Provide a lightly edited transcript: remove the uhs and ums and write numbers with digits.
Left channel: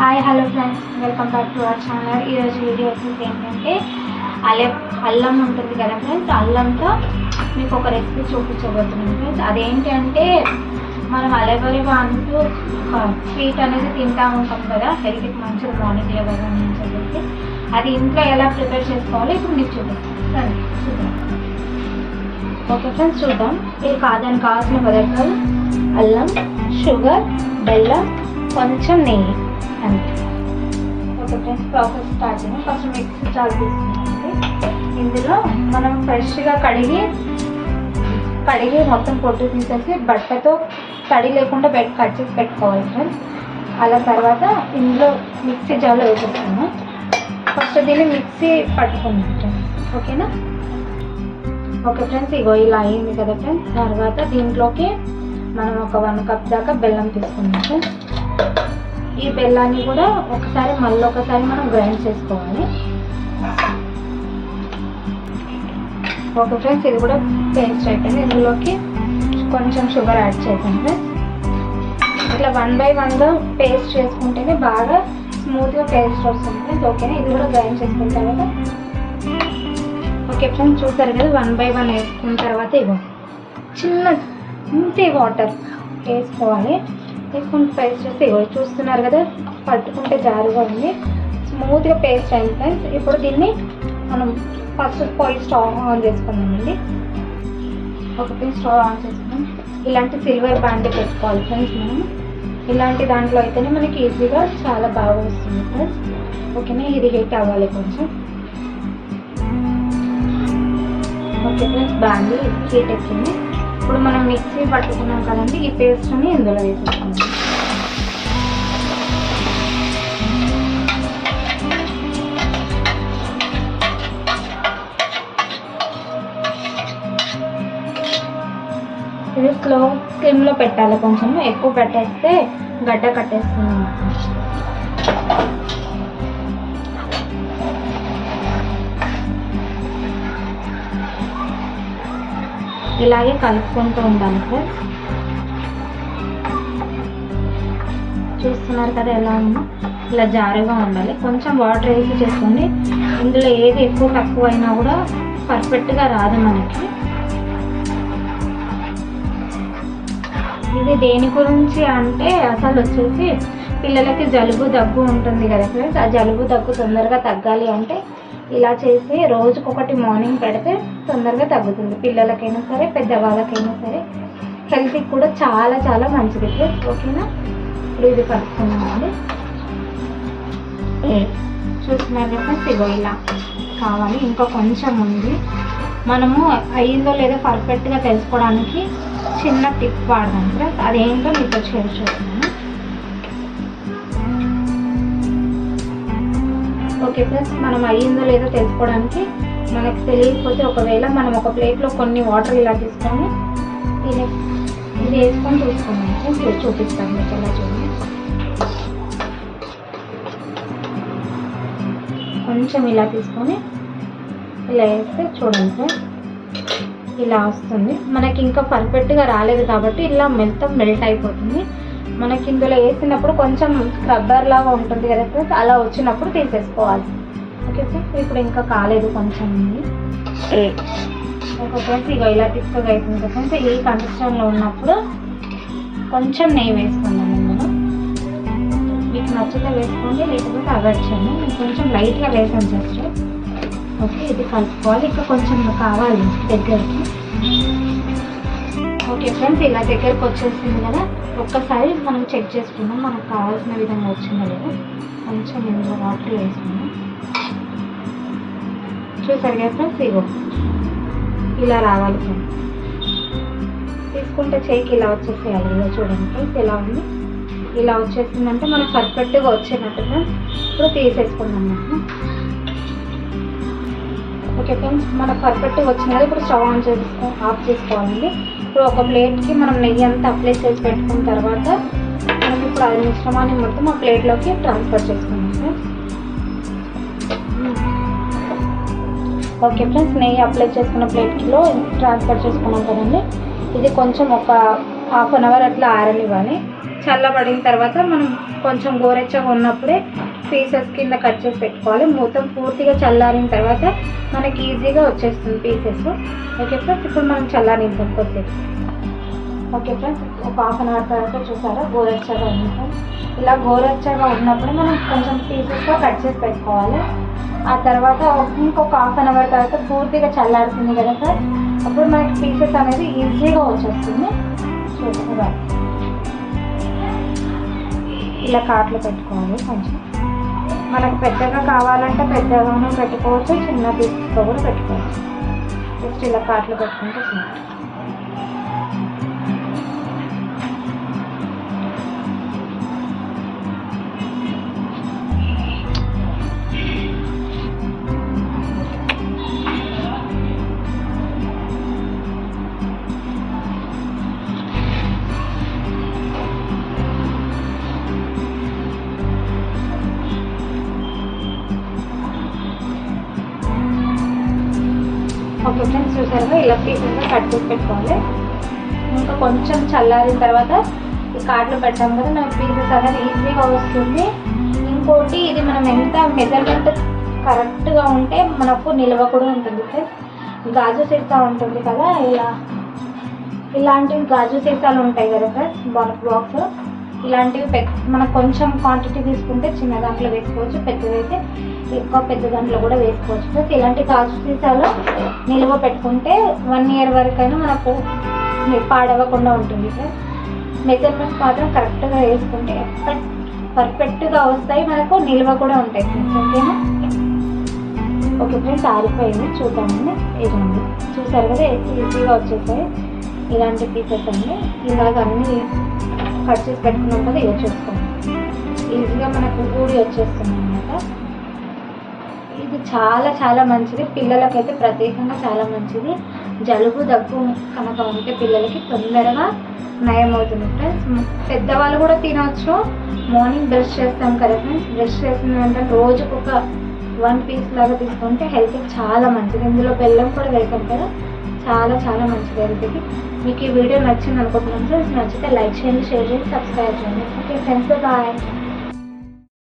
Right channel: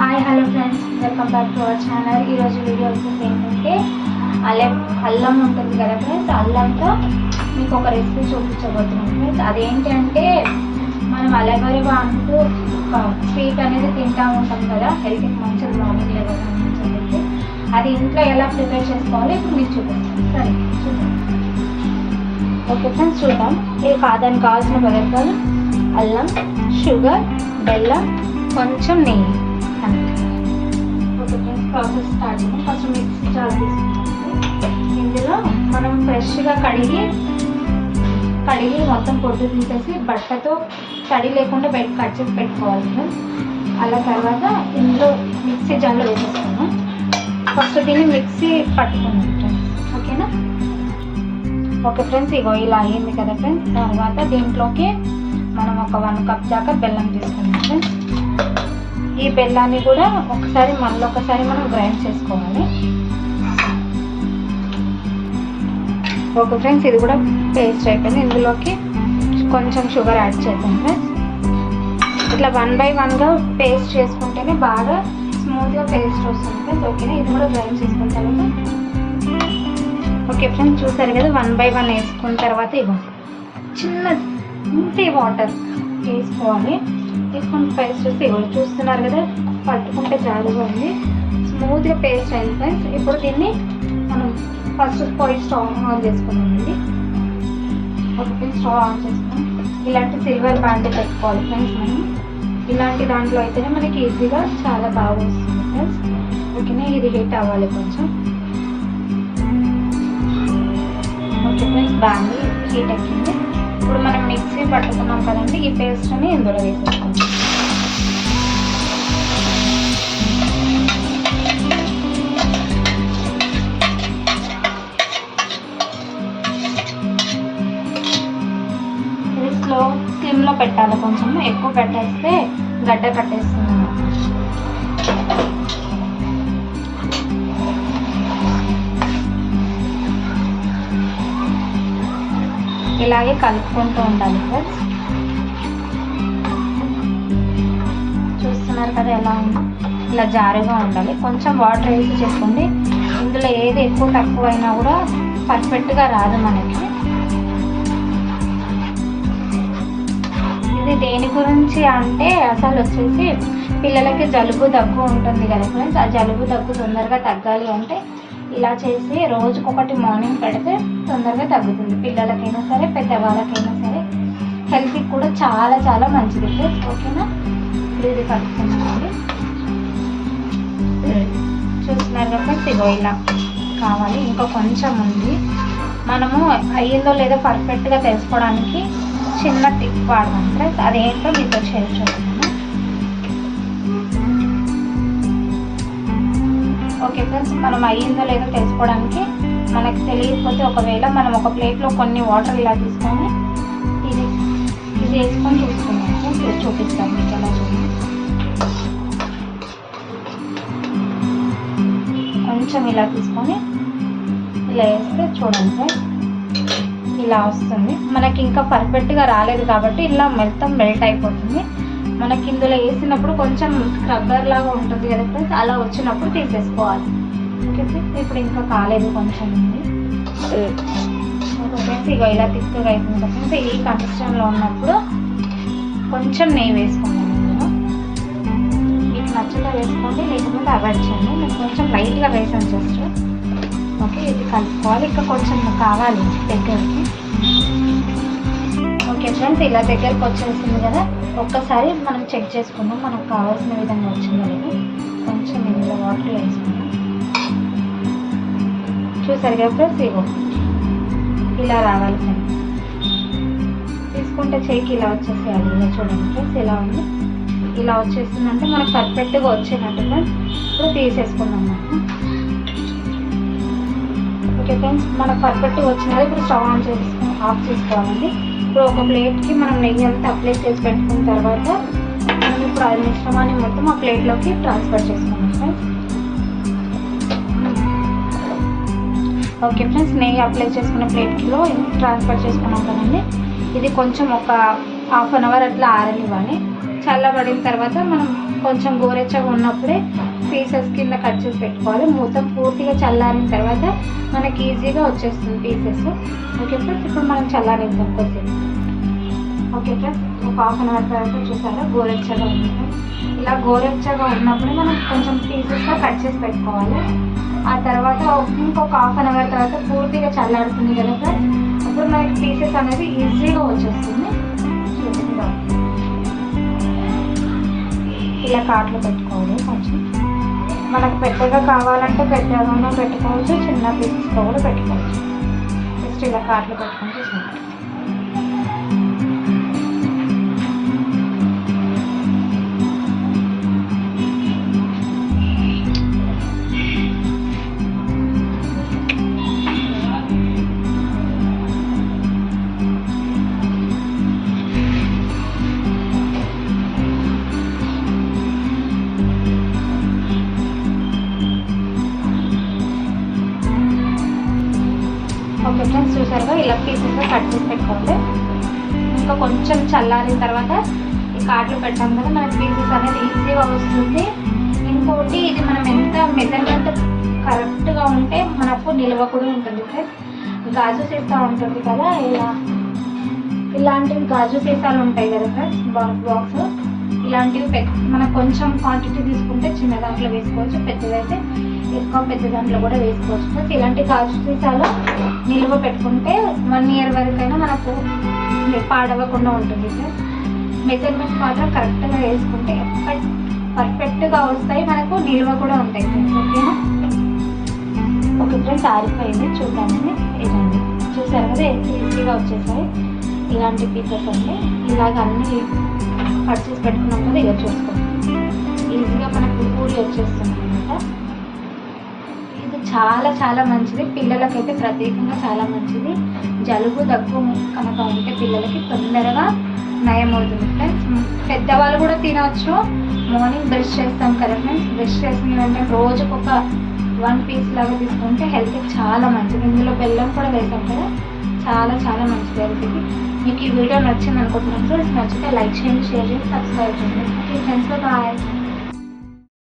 Hi hello friends, welcome back to our channel. ఈరోజు video వచ్చేసి ఏంటంటే అల్లం ఉంటుంది కదా ఫ్రెండ్స్, అల్లంతో మీకు ఒక రెసిపీ చూపించబోతున్నాను ఫ్రెండ్స్. అదేంటంటే మనం అలగరివా అంటూ ఒక స్వీట్ అనేది తింటూ ఉంటాం కదా, హెల్త్కి మంచిది, మార్నింగ్ లెవెల్ అని చెప్పి అది ఇంట్లో ఎలా ప్రిపేర్ చేసుకోవాలో ఇప్పుడు మీకు చూపిస్తాను. సరే చూద్దాం. ఓకే ఫ్రెండ్స్, చూద్దాం. దానికి కావాల్సిన పదార్థాలు అల్లం, షుగర్, బెల్లం, కొంచెం నెయ్యి. ఓకే ఫ్రెండ్స్, ప్రాసెస్ స్టార్ట్ చేయండి. ఫస్ట్ మిక్సీ జార్ తీసుకుంటే ఇందులో మనం ఫ్రెష్గా కడిగి మొత్తం పొట్టు తీసేసి బట్టతో తడి లేకుండా కట్ చేసి పెట్టుకోవాలి ఫ్రెండ్స్. అలా తర్వాత ఇందులో మిక్సీ జార్లో వేసేస్తాను. ఫస్ట్ దీన్ని మిక్సీ పట్టుకుంది ఫ్రెండ్స్, ఓకేనా? ఓకే ఫ్రెండ్స్, ఇగో ఇలా అయ్యింది కదా ఫ్రెండ్స్. తర్వాత దీంట్లోకి మనం ఒక 1 కప్ దాకా బెల్లం తీసుకున్నాం ఫ్రెండ్స్. ఈ బెల్లాన్ని కూడా మళ్ళీ ఒకసారి మనం గ్రైండ్ చేసుకోవాలి. ఓకే ఫ్రెండ్స్, ఇది కూడా పేస్ట్ అయిపోయింది. ఇందులోకి కొంచెం షుగర్ యాడ్ చేద్దాం ఫ్రెండ్స్. ఇట్లా 1 by 1గా పేస్ట్ చేసుకుంటేనే బాగా స్మూత్గా పేస్ట్ వస్తుంది ఫ్రెండ్స్, ఓకేనా? ఇది కూడా గ్రైండ్ చేసుకున్న తర్వాత ఓకే ఫ్రెండ్స్, చూసారు కదా, 1 by 1 వేసుకున్న తర్వాత ఇగో ఇంతే వాటర్ వేసుకోవాలి. వేసుకుని పేస్ట్ వస్తే ఇగో చూస్తున్నారు కదా, పట్టుకుంటే జారుగా ఉంది, స్మూత్గా పేస్ట్ అయింది ఫ్రెండ్స్. ఇప్పుడు దీన్ని మనం ఫస్ట్ స్టవ్ ఆన్ చేసుకున్నామండి. ఒక స్టవ్ ఆన్ చేసుకుని ఇలాంటి సిల్వర్ బ్యాండ్ పెట్టుకోవాలి ఫ్రెండ్స్. మనం ఇలాంటి దాంట్లో అయితేనే మనకి ఈజీగా చాలా బాగా వస్తుంది ఫ్రెండ్స్, ఓకేనా? ఇది హీట్ అవ్వాలి కొంచెం. ఓకే ఫ్రెండ్స్, బ్యాండ్ హీట్ ఎక్కింది. ఇప్పుడు మనం మిక్సీ పట్టుకున్నాం కదండి, ఈ పేస్ట్ని ఇందులో వేసేసుకుంటాం. ఇది స్లిమ్లో పెట్టాలి, కొంచెం ఎక్కువ పెట్టేస్తే గడ్డ కట్టేస్తుంది అన్నమాట. ఇలాగే కలుపుకుంటూ ఉండాలి ఫ్రెండ్స్. చూస్తున్నారు కదా ఎలా ఉందో, ఇలా జారుగా ఉండాలి. కొంచెం వాటర్ వేసి చేసుకోండి. ఇందులో ఏది ఎక్కువ తక్కువ అయినా కూడా పర్ఫెక్ట్గా రాదు మనకి. ఇది దేని గురించి అంటే అసలు వచ్చేసి పిల్లలకి జలుబు దగ్గు ఉంటుంది కదా ఫ్రెండ్స్, ఆ జలుబు దగ్గు తొందరగా తగ్గాలి అంటే ఇలా చేసి రోజుకొకటి మార్నింగ్ పెడితే తొందరగా తగ్గుతుంది. పిల్లలకైనా సరే, పెద్దవాళ్ళకైనా సరే, హెల్త్కి కూడా చాలా చాలా మంచిది ఫ్రెండ్స్, ఓకేనా? ఇది కలుపుకున్నామండి. చూస్తున్నారు ఫ్రెండ్స్, ఇగో ఇలా కావాలి. ఇంకా కొంచెం ఉంది. మనము అయ్యిందో లేదో పర్ఫెక్ట్గా తెలుసుకోవడానికి చిన్న టిప్ వాడదాం ఫ్రెండ్స్. అదేంటో మీతో షేర్ చేస్తున్నాను. ఓకే ఫ్రెండ్స్, మనం అయ్యిందో లేదో తెలుసుకోవడానికి మనకు తెలియకపోతే ఒకవేళ మనం ఒక ప్లేట్లో కొన్ని వాటర్ ఇలా తీసుకొని ఇది వేసుకొని చూసుకున్నాం ఫ్రెండ్స్. చూపిస్తాను మీకు ఎలా చూడండి. కొంచెం ఇలా తీసుకొని ఇలా వేస్తే చూడండి ఫ్రెండ్స్, ఇలా వస్తుంది. మనకి ఇంకా పర్ఫెక్ట్గా రాలేదు కాబట్టి ఇలా మొత్తం మెల్ట్ అయిపోతుంది. మనకి ఇందులో వేసినప్పుడు కొంచెం రబ్బర్ లాగా ఉంటుంది కదా ఫ్రెండ్స్, అలా వచ్చినప్పుడు తీసేసుకోవాలి. ఓకే ఫ్రెండ్స్, ఇప్పుడు ఇంకా కాలేదు, కొంచెం ఉంది. ఓకే ఫ్రెండ్స్, ఇక ఇలా తిక్కగా అవుతుంది కదా ఫ్రెండ్స్. ఈ కన్సిస్టెన్సీలో ఉన్నప్పుడు కొంచెం నెయ్యి వేసుకుందాం. ఇందులో మీకు నచ్చితే వేసుకోండి, లేకపోతే అవాయిడ్ చేయండి. నేను కొంచెం లైట్గా వేసాను జస్ట్. ఓకే, ఇది కలుపుకోవాలి. ఇంకా కొంచెం కావాలి దగ్గరికి. ఓకే ఫ్రెండ్స్, ఇలా దగ్గరకు వచ్చేసింది కదా, ఒక్కసారి మనం చెక్ చేసుకుందాం మనకు కావాల్సిన విధంగా వచ్చిందో లేదో. కొంచెం ఇందులో వాటర్ వేసుకుందాం. చూసారు కదా ఫ్రెండ్స్, ఇగో ఇలా రావాలి ఫ్రెండ్స్. తీసుకుంటే చేయికి ఇలా వచ్చేసేయాలి. ఇలా చూడండి ఫ్రెండ్స్, ఇలా ఉంది. ఇలా వచ్చేస్తుందంటే మనకు పర్ఫెక్ట్గా వచ్చినట్టు ఫ్రెండ్స్. ఇప్పుడు తీసేసుకుందాం మనం. ఓకే ఫ్రెండ్స్, మనకు పర్ఫెక్ట్గా వచ్చినది. ఇప్పుడు స్టవ్ ఆఫ్ చేసుకోవాలండి. ఇప్పుడు ఒక ప్లేట్కి మనం నెయ్యి అంతా అప్లై చేసి పెట్టుకున్న తర్వాత మనం ఇప్పుడు అది మిశ్రమాన్ని మొత్తం ఆ ప్లేట్లోకి ట్రాన్స్ఫర్ చేసుకుందాం ఫ్రెండ్స్. ఓకే ఫ్రెండ్స్, నెయ్యి అప్లై చేసుకున్న ప్లేట్కిలో ట్రాన్స్ఫర్ చేసుకున్నాం కదండి. ఇది కొంచెం ఒక 1/2 hour అట్లా ఆరనివ్వాలి. చల్లబడిన తర్వాత మనం కొంచెం గోరెచ్చగా ఉన్నప్పుడే పీసెస్ కింద కట్ చేసి పెట్టుకోవాలి. మొత్తం పూర్తిగా చల్లారిన తర్వాత మనకి ఈజీగా వచ్చేస్తుంది పీసెస్. ఓకే ఫ్రెండ్స్, ఇప్పుడు మనం చల్లారిద్దాం కొద్దిసేపు. ఓకే ఫ్రెండ్స్, ఒక హాఫ్ అన్ అవర్ తర్వాత చూసారా గోరెచ్చగా ఉంది ఫ్రెండ్స్. ఇలా గోరెచ్చగా ఉన్నప్పుడు మనం కొంచెం పీసెస్గా కట్ చేసి పెట్టుకోవాలి. ఆ తర్వాత ఇంకొక హాఫ్ అన్ అవర్ తర్వాత పూర్తిగా చల్లారుతుంది కదా ఫ్రెండ్స్, అప్పుడు మనకి పీసెస్ అనేది ఈజీగా వచ్చేస్తుంది. చూసారా ఇలా కాట్లు పెట్టుకోవాలి. కొంచెం మనకు పెద్దగా కావాలంటే పెద్దగానే పెట్టుకోవచ్చు, చిన్న పీసెస్తో కూడా పెట్టుకోవచ్చు. జస్ట్ ఇలా కాట్లు పెట్టుకుంటే చిన్న. ఓకే ఫ్రెండ్స్, చూసారుగా ఇలా పీసెస్గా కట్ చేసి పెట్టుకోవాలి. ఇంకా కొంచెం చల్లారిన తర్వాత ఈ కాట్లు పెట్టాం కదా, మనకి పీసెస్ అనేది ఈజీగా వస్తుంది. ఇంకోటి ఇది మనం ఎంత మెజర్మెంట్ కరెక్ట్గా ఉంటే మనకు నిల్వ కూడా ఉంటుంది ఫ్రెండ్స్. గాజు సీసా ఉంటుంది కదా, ఇలాంటివి గాజు సీసాలు ఉంటాయి కదా ఫ్రెండ్స్, బాక్స్ ఇలాంటివి మనకు కొంచెం క్వాంటిటీ తీసుకుంటే చిన్న దాంట్లో వేసుకోవచ్చు, పెద్దదైతే ఎక్కువ పెద్ద దాంట్లో కూడా వేసుకోవచ్చు ఫ్రెండ్స్. ఇలాంటి గాజు సీసాలు నిల్వ పెట్టుకుంటే 1 year వరకైనా మనకు పాడవకుండా ఉంటుంది ఫ్రెండ్స్. మెజర్మెంట్ మాత్రం కరెక్ట్గా వేసుకుంటే పర్ఫెక్ట్గా వస్తాయి, మనకు నిల్వ కూడా ఉంటాయి ఫ్రెండ్స్. ఓకేనా? ఓకే ఫ్రెండ్స్, ఆరిపోయింది చూద్దామని. ఇదండి చూసారు కదా, ఈజీగా వచ్చేసాయి ఇలాంటి పీసెస్ అండి. ఇలాగ అన్నీ కట్ చేసి పెట్టుకున్నాం కదా, ఇక చూసుకోండి ఈజీగా మనకు ఊరి వచ్చేస్తుంది అనమాట. ఇది చాలా చాలా మంచిది, పిల్లలకైతే ప్రత్యేకంగా చాలా మంచిది. జలుబు దగ్గు కనుక ఉంటే పిల్లలకి తొందరగా నయం అవుతుంది ఫ్రెండ్స్. పెద్దవాళ్ళు కూడా తినవచ్చు. మార్నింగ్ బ్రష్ చేస్తాం కదా ఫ్రెండ్స్, బ్రష్ చేసిన వెంటనే రోజుకు ఒక 1 piece లాగా తీసుకుంటే హెల్త్కి చాలా మంచిది. ఇందులో బెల్లం కూడా వేసాం కదా, చాలా చాలా మంచిది హెల్త్కి. మీకు ఈ వీడియో నచ్చింది అనుకుంటున్నాను ఫ్రెండ్స్. నచ్చితే లైక్ చేయండి, షేర్ చేయండి, సబ్స్క్రైబ్ చేయండి. Okay friends, bye.